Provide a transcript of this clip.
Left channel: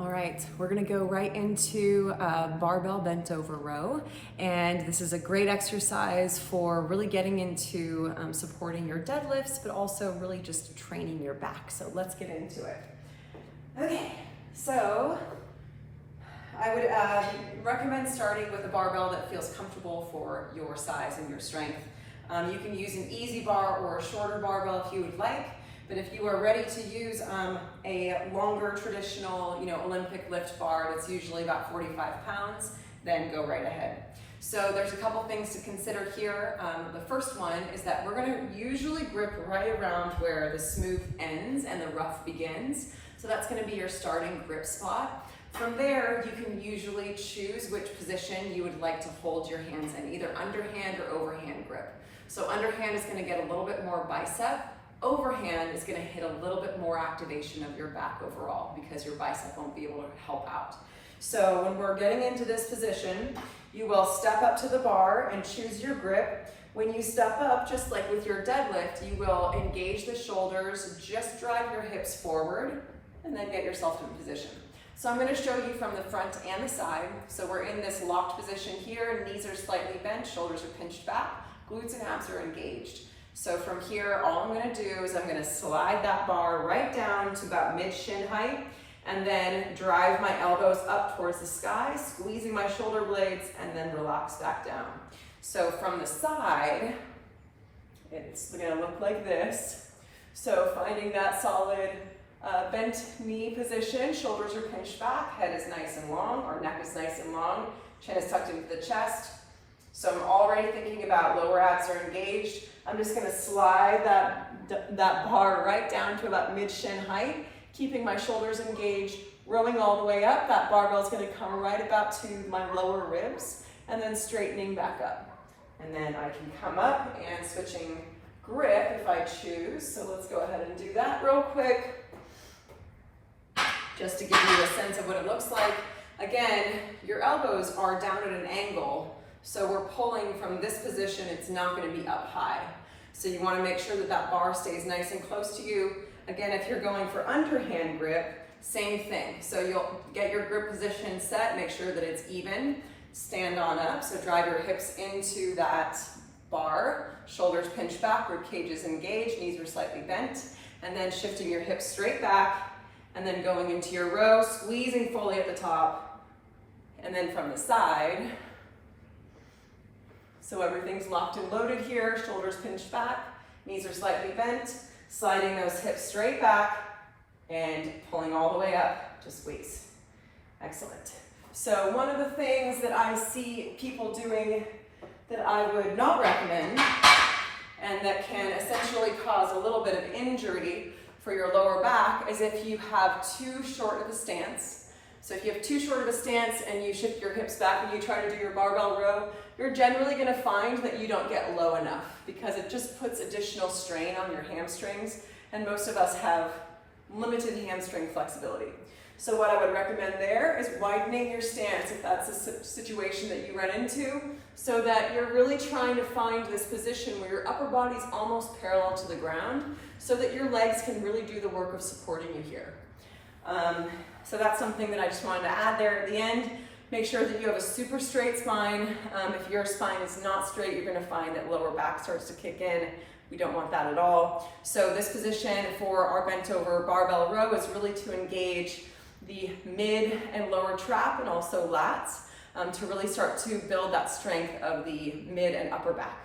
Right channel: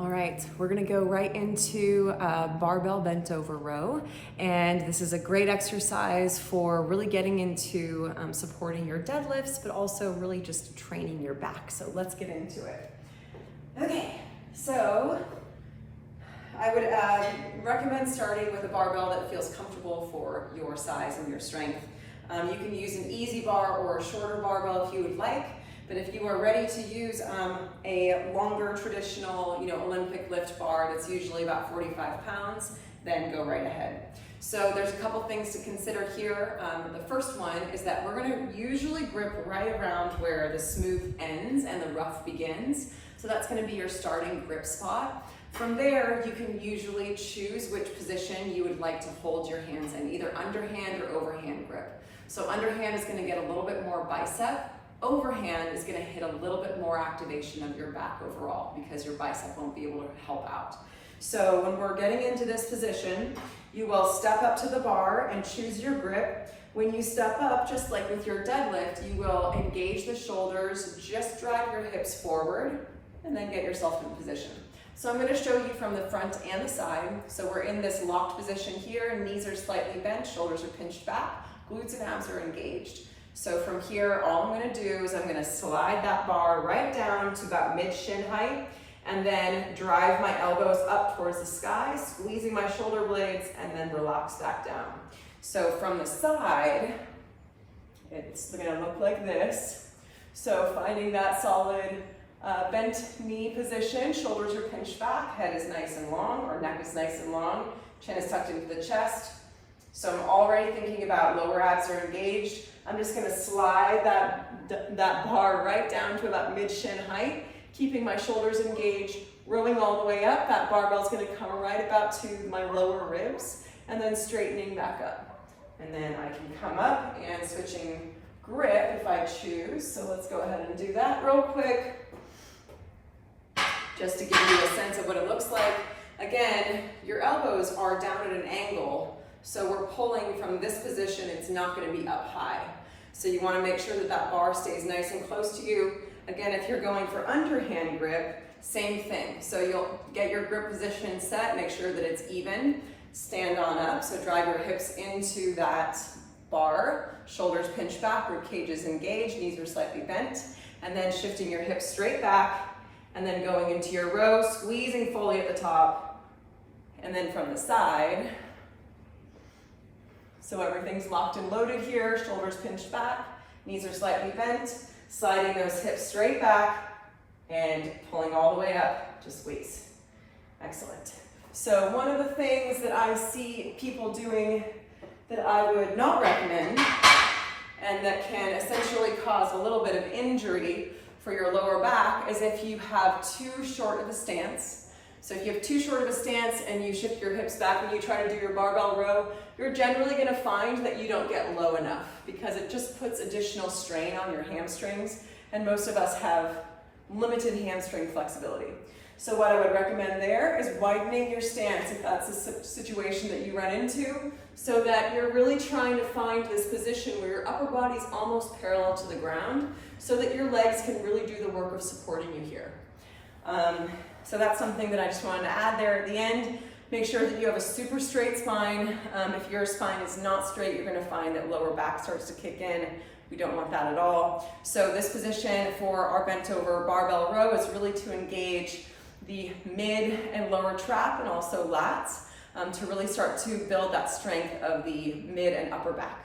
All right, we're gonna go right into a barbell bent over row. And this is a great exercise for really getting into supporting your deadlifts, but also really just training your back. So let's get into it. Okay, so I would recommend starting with a barbell that feels comfortable for your size and your strength. You can use an easy bar or a shorter barbell if you would like. But if you are ready to use a longer traditional, Olympic lift bar that's usually about 45 pounds, then go right ahead. So there's a couple things to consider here. The first one is that we're gonna usually grip right around where the smooth ends and the rough begins. So that's gonna be your starting grip spot. From there, you can usually choose which position you would like to hold your hands in, either underhand or overhand grip. So underhand is gonna get a little bit more bicep. Overhand is gonna hit a little bit more activation of your back overall because your bicep won't be able to help out. So when we're getting into this position, you will step up to the bar and choose your grip. When you step up, just like with your deadlift, you will engage the shoulders, just drive your hips forward, and then get yourself in position. So I'm gonna show you from the front and the side. So we're in this locked position here, knees are slightly bent, shoulders are pinched back, glutes and abs are engaged. So from here, all I'm gonna do is I'm gonna slide that bar right down to about mid-shin height and then drive my elbows up towards the sky, squeezing my shoulder blades and then relax back down. So from the side, it's gonna look like this. So finding that solid bent knee position, shoulders are pinched back, head is nice and long, or neck is nice and long, chin is tucked into the chest. So I'm already thinking about lower abs are engaged. I'm just gonna slide that bar right down to about mid-shin height, keeping my shoulders engaged, rowing all the way up. That barbell's gonna come right about to my lower ribs, and then straightening back up. And then I can come up and switching grip if I choose. So let's go ahead and do that real quick, just to give you a sense of what it looks like. Again, your elbows are down at an angle, so we're pulling from this position, it's not gonna be up high. So you wanna make sure that that bar stays nice and close to you. Again, if you're going for underhand grip, same thing. So you'll get your grip position set, make sure that it's even, stand on up, so drive your hips into that bar, shoulders pinched back, rib cages engaged, knees are slightly bent, and then shifting your hips straight back, and then going into your row, squeezing fully at the top, and then from the side, so everything's locked and loaded here, shoulders pinched back, knees are slightly bent, sliding those hips straight back and pulling all the way up to squeeze. Excellent. So one of the things that I see people doing that I would not recommend and that can essentially cause a little bit of injury for your lower back is if you have too short of a stance. So if you have too short of a stance and you shift your hips back and you try to do your barbell row, you're generally gonna find that you don't get low enough because it just puts additional strain on your hamstrings, and most of us have limited hamstring flexibility. So what I would recommend there is widening your stance if that's a situation that you run into, so that you're really trying to find this position where your upper body's almost parallel to the ground so that your legs can really do the work of supporting you here. So that's something that I just wanted to add there at the end. Make sure that you have a super straight spine. If your spine is not straight, you're gonna find that lower back starts to kick in. We don't want that at all. So this position for our bent over barbell row is really to engage the mid and lower trap and also lats to really start to build that strength of the mid and upper back.